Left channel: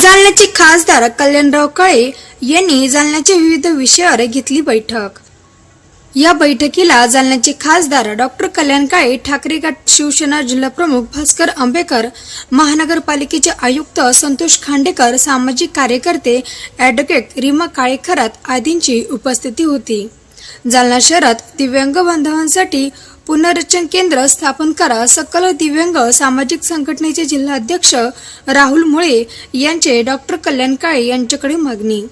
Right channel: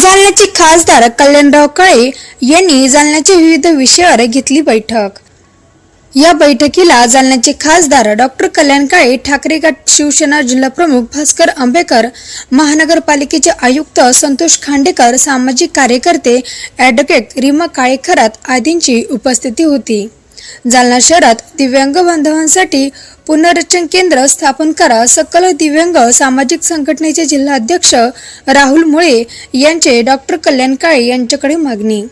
जालन्याचे खासदार कल्याणराव काळे यांनी जालन्याच्या विविध विषयावर घेतली बैठक. या बैठकीला जालन्याचे खासदार डॉक्टर कल्याण काळे ठाकरे गट शिवसेना जिल्हाप्रमुख भास्कर आंबेकर महानगरपालिकेचे आयुक्त संतोष खांडेकर सामाजिक कार्यकर्ते ॲडव्होकेट रीमा काळे खरात आदींची उपस्थिती होती. जालना शहरात दिव्यांग बांधवांसाठी पुनर्रचन केंद्र स्थापन करा सकल दिव्यांग सामाजिक संघटनेचे जिल्हाध्यक्ष राहुल मुळे यांचे डॉक्टर कल्याण काळे यांच्याकडे मागणी.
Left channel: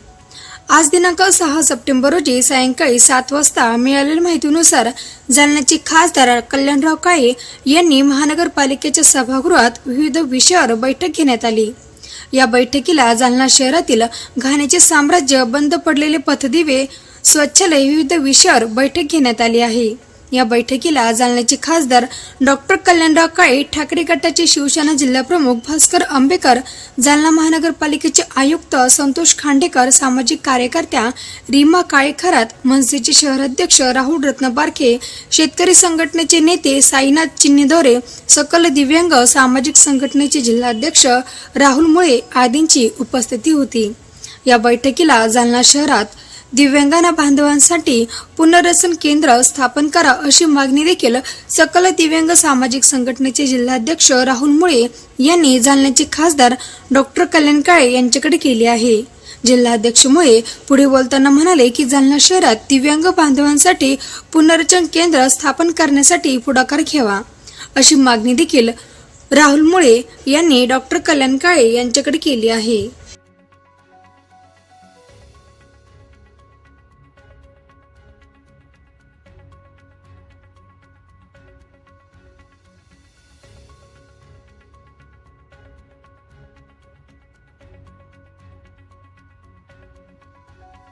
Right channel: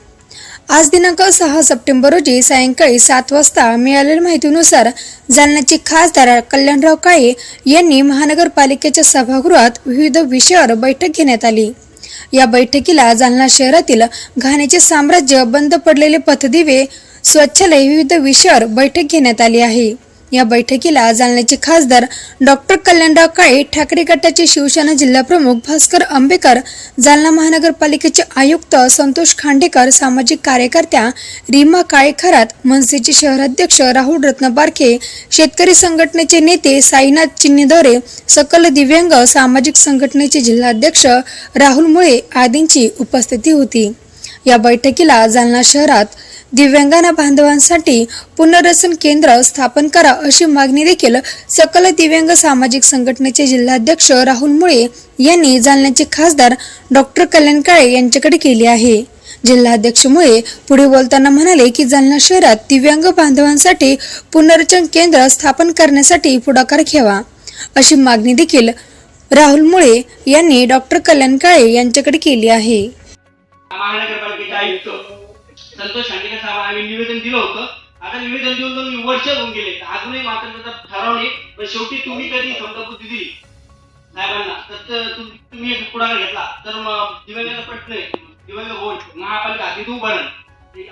आज दिनांक सहा सप्टेंबर रोजी सायंकाळी सात वाजता मिळालेल्या माहितीनुसार जालन्याचे खासदार कल्याणराव काळे यांनी महानगरपालिकेच्या सभागृहात विविध विषयावर बैठक घेण्यात आली. या बैठकीला जालना शहरातील घाणीचे साम्राज्य बंद पडलेले पथदिवे स्वच्छालय विविध विषयावर बैठक घेण्यात आली आहे. या बैठकीला जालन्याचे खासदार डॉक्टर कल्याणराव काळे ठाकरे गटाचे शिवसेना जिल्हाप्रमुख भास्कर आंबेकर जालना महानगरपालिकेचे आयुक्त संतोष खांडेकर सामाजिक कार्यकर्त्या रीमा काळे खरात मनसेचे शहराध्यक्ष राहुल रत्न बारखे शेतकरी संघटनेचे नेते साईनाथ चिन्नीदोरे सकल दिव्यांग सामाजिक संघटनेचे जिल्हाध्यक्ष राहुल मुळे आदींची उपस्थिती होती. या बैठकीला जालना शहरात दिव्यांगांना बांधवांसाठी पुनर्वसन केंद्र स्थापन करा अशी मागणी देखील सकल दिव्यांग सामाजिक संघटनेचे जिल्हाध्यक्ष राहुल मुळे यांनी जालन्याचे खासदार डॉक्टर कल्याण काळे यांच्याकडे केली आहे. जिल्हाध्यक्ष मुळे पुढे बोलताना म्हणाले की जालना शहरात दिव्यांग बांधवांसाठी पुनर्रचन केंद्र स्थापन करण्यासाठी पुढाकार घ्यावा. अशी मागणी देखील राहुल मुळे यांनी डॉक्टर कल्याण काळे यांच्याकडे केली आहे. संतोष खांडेकर साहेब आम्ही निवेदन दिलं होतं. आता निवेदन देऊन दोन वर्ष होऊन गेले. अजूनही मात्र त्याचा ठराव नाही पण शेवटी तुम्ही कधी समजा दिली? साहेबांना. तर तुम्ही एक पुढाकार घेतला. तर मग दिव्यांगाचा प्रश्न दिव्यांग होईल महापालिका हद्दीत उभारण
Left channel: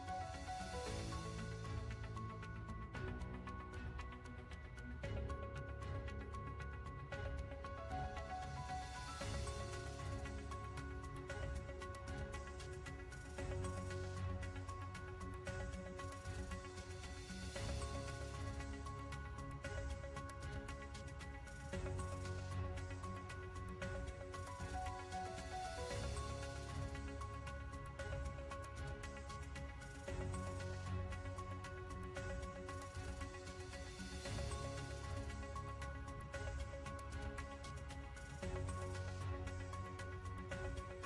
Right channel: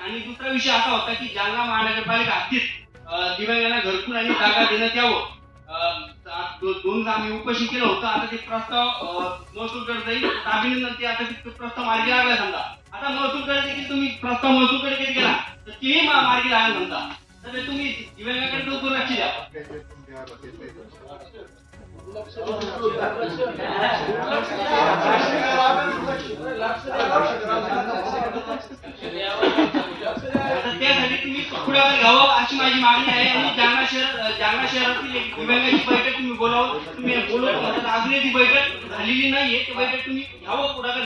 आणि दुसरा विषय असा होता की जालना महानगरपालिका हद्दीत दिव्यांगांना घरकुल आणि जागा देण्यात यावं. दोन आम्ही उपोषण केलं होतं. आता ते प्रस्ताव महसूल महसूलकडे जाईल. अभिनंदन ते आता ते प्रस्ताव मार्गी लागला समजा. आता महसूलकडे देखील तुम्ही प्रस्ताव महसूलकडे कधी गेला तर तेही मार्गी लागेल म्हणता तर तुम्ही दिव्यांगाकडे तो दुर्लक्ष द्या. त्यासाठी तुम्ही पुढाकार घ्यावं अशी माझी मागणी आहे. आणि जालना शहर जालना शहरातील एक दिव्यांगाची बैठक तुम्ही बोलावं. तुम्ही बोलवलं. म्हणतात अजूनही ती बैठक झालेली नाहीये. ती बैठक तुम्ही घ्यावं पुढाकार.